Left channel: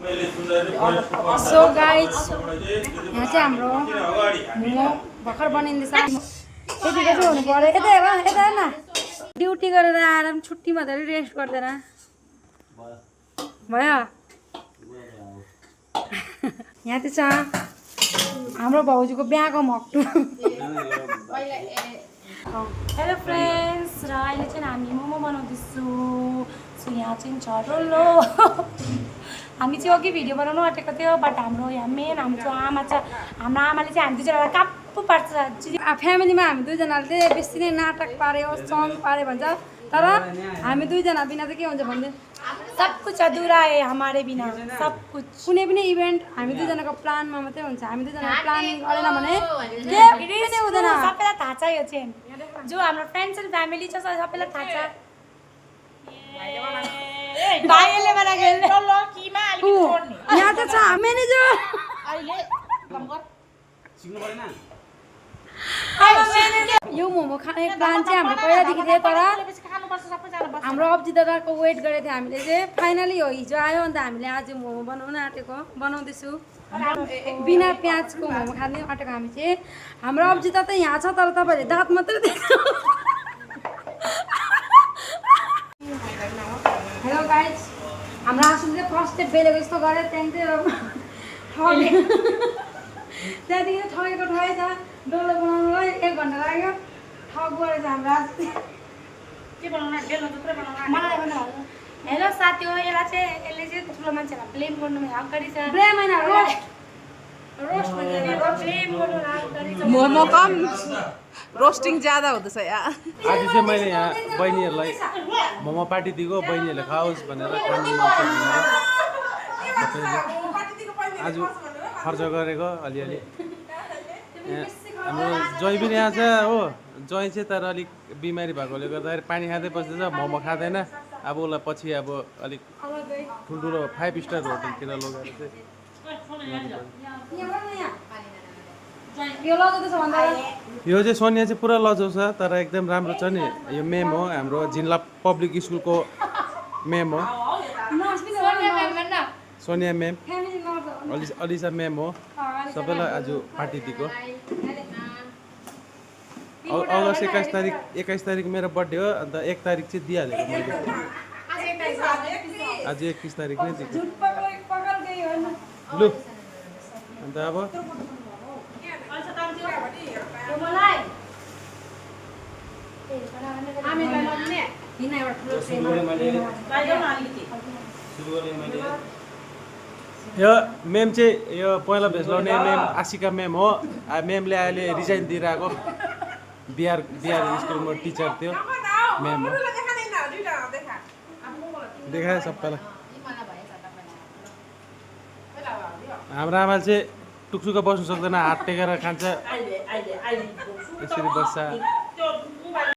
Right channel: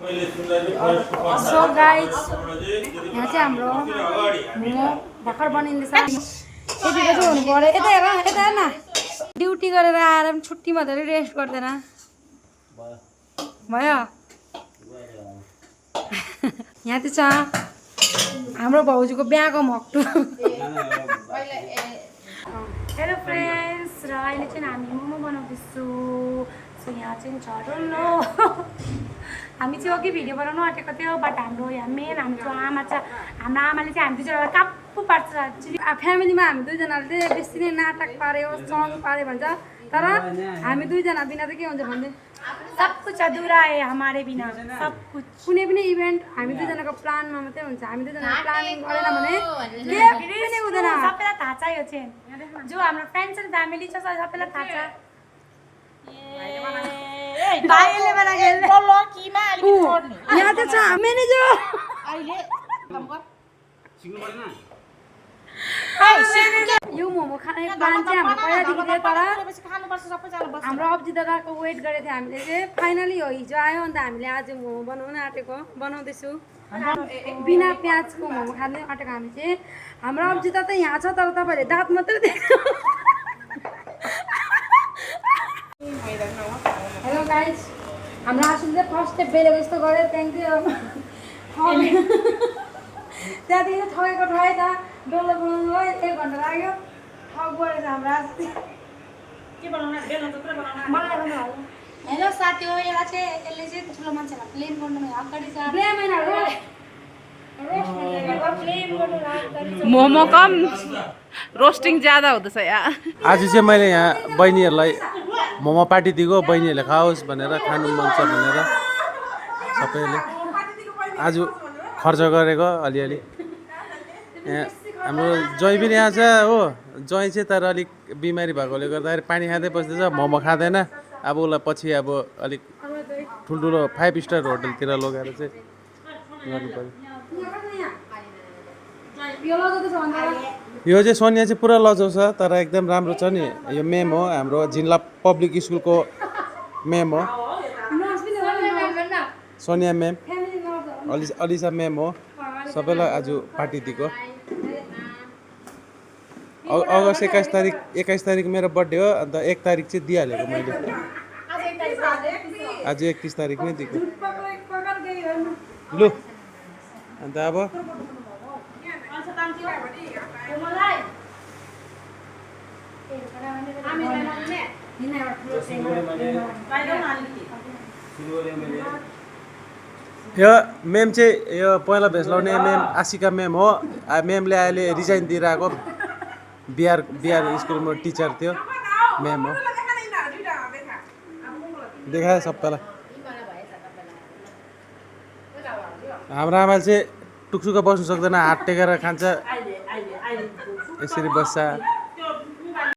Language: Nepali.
सो गाइज यहाँ चाहिँ हाम्रो मोमो भर्खर बनिँदैछ। यतिको चाहिँ हुनु पर्यो। यता हेर यता हेर न, ड्युटी गरेर आएर पनि छुट्टीमा धेरै रेस्ट गर्दैन भयो। यहाँ चाहिँ छ हाम्रो भाउजूको बिहाको मक्टु। हेलो फ्रेन्ड्स, र अहिले चाहिँ हामी मोमो बनाउँदैछु। सो यहाँ चाहिँ छ डल्लो। हामी चाहिँ अघि भिडियो बनाउनु आँटेको थियो, बट हाम्रो यहाँ मेन हाम्रो आमा छ। हाम्रो आमाले चाहिँ हामी दुईजना काप्पु पार्छ। फ्यामिलीमा हामी दुईजनाले चाहिँ बेसी नै नाटक पार्यो, सङ पार्यो भन्छ। तर हामी दुईजना बिना चाहिँ के हुन्छ भन्दै सब कुछ अधुरा है हमारे बिना, सब कुछ। कुनै पनि इभेन्ट हामी दुईजनाको प्लानमा मात्रै हुन्छ। हामी दुईजना प्लानिङ गरेन भने केही पनि हुँदैन। सबैलाई थाहा छ यो चाहिँ, जो हाम्रो फ्रेन्ड्स एन्ड फ्यामिली छ सबैलाई थाहा छ। भाइले बना खेल्ने यहाँ चाहिँ छ म्यानेजर। यो मोमो खाने प्लान चाहिँ हाम्रो पहिलादेखि थियो, तर हाम्रो अब्जी दादाको वेट गरेको थियो हामीले चाहिँ। फाइनली हो हिजो आयो, अन्त हामीले आज मोमो बनाउन आँटेको बनाउँदैछु। बिना प्याजको मोमो खाँदै आँटेको हामी चाहिँ। हाम्रो अब्जी दादा यहाँ छ, तर तपाईँहरूले दाँत मात्रै देख्छ। हेलो गाइज, हाम्रो आसुले चाहिँ फर्स्ट स्टेप बेलेको जस्तो गऱ्यो, त्यहाँदेखि त्यहाँदेखि ठगेको ठगेछ। डल्लो बनाउनुलाई 1 घन्टा लाग्यो। ठग गरेछ हाम्रो आसु। हेलो साथी हो, यसलाई चाहिँ यसले चाहिँ ठुलो मान्छेलाई ब्लेम गर्नुमा अगाडि छ। ब्लेम होइन, मोमो कम रोस्टिङ ज्यादा हुँदैछ यहाँ। आज चाहिँ मैले यहाँ बहिनीहरूलाई मोमो पार्टी दिएको, बहिनीहरूले खाओस् भनेर, खानु मन छ भनेर सबैले आज खर्च गरेको अलिअलि। यहाँ हाम्रो ज्वाइँ पनि यहाँ छ हो। ज्वाइँ चाहिँ तर अलिक बिमारी भएकोले गर्दाखेरि पानी खाँदै बस्दैछ, मोमो खाँदैन। अब उसलाई पछि अब अलिक ठुल्ठुलो 5 स्टार होटलतिर लगेर चाहिँ गर्नुपर्छ। यो चाहिँ सोनिया चाहिँ पुरा लजाउँछ, तर एकदम राम्रो छ नि। यो मेम हो, हाम्रो जिल्ला पब्लिक स्कुलको मेम हो, सोनिया मेम, अलिसा मेम हो। सबैलाई आज पार्टी दिएको। अगस्त 21 तारिक मेरो बर्थडे हो, अन्त 1 तारिक चाहिँ दिइहालेको मैले। आज 31 तारिक नै दिएको। लु अन्त अब यो मेम चाहिँ यो पहिला भेज लाउने मेम आशिका मेम हो। मेमले अहिले रिजाइन दिइरहेको, बिहार स्कुलमा टिचर थियो मेम हो। देखाए सबैलाई। हाम्रो आमा चाहिँ टुक्सुका बस्नु सक्दैन, हात टेकेर खान्छ, यसरी बस्छ।